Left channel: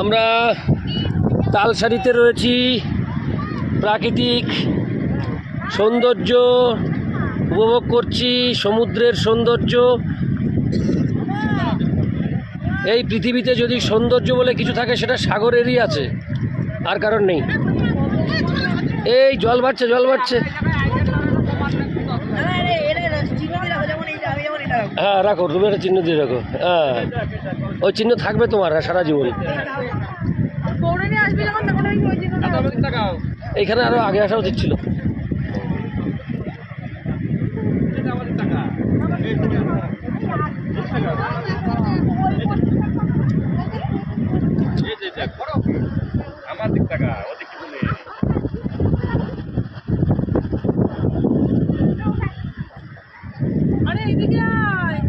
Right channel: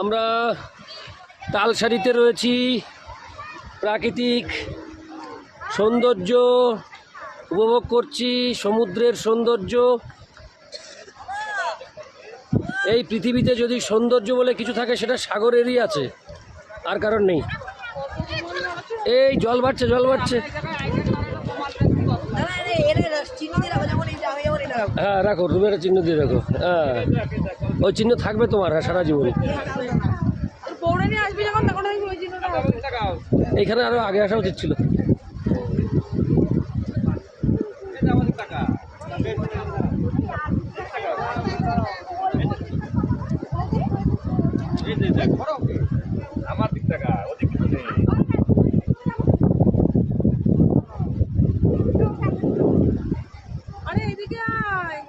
আমরা তালসারিতে রয়েছি। প্রাকৃতিক সৌন্দর্য উপভোগ করছি, সমুদ্রের সৌন্দর্য। এই পৃথিবীতে যদি সৌন্দর্য বলে কিছু থাকে সেটা সাগরেরই আছে, আর কারণ নেই। এই জল বাড়ছে, জল বাড়ছে। হ্যাঁ রাখো, তুমি একটা চিহ্ন দিয়ে রাখো। হ্যাঁ, ওই চিহ্ন থাকবে তোমার সারা জীবন। এইখানে আরো আগে আসা উচিত ছিল। আমার দিক টাকা ওদিক আরে এদিকে আয়।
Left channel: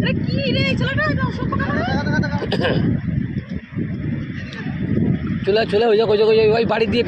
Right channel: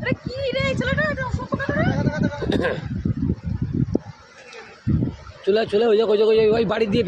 আরে কি রে ছেলেটা চলে চলে ওই ওই বাড়ি দিয়ে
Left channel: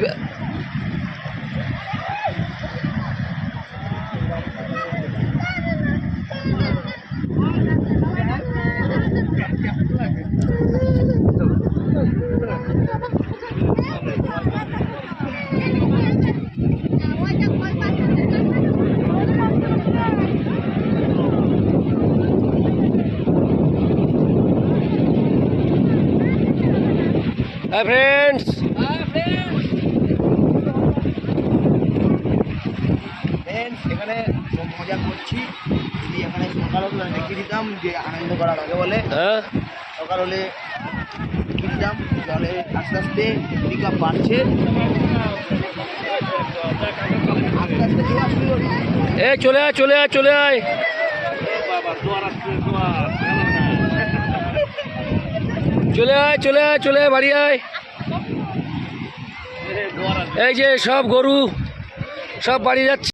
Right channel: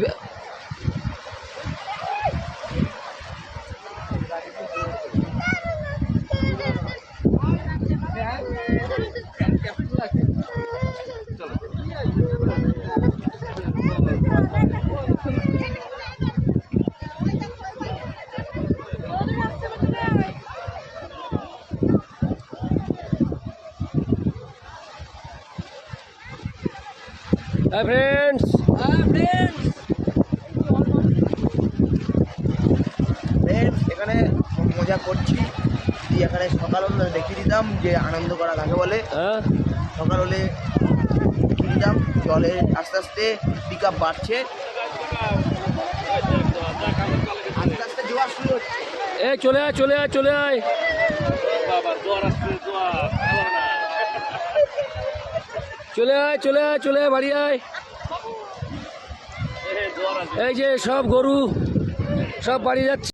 ফ্রেন্ডস। এখানে মজা করছি। এখানে সকাল হলে দেখিয়ে দিতাম যে আনন্দ করা লাগে বলে। সকাল হলে দেখিয়ে দিতাম জলে আস্তে আস্তে পিক আপ বাড়ছে, আস্তে আস্তে জোয়ার শুরু হচ্ছে। এ চলে আয়, চলে আয়, চলে আয়। চলে আয়, চলে আয়, চলে আয়, বাড়ি আয়। এই যে সব গরু সব বাড়ি যাচ্ছে।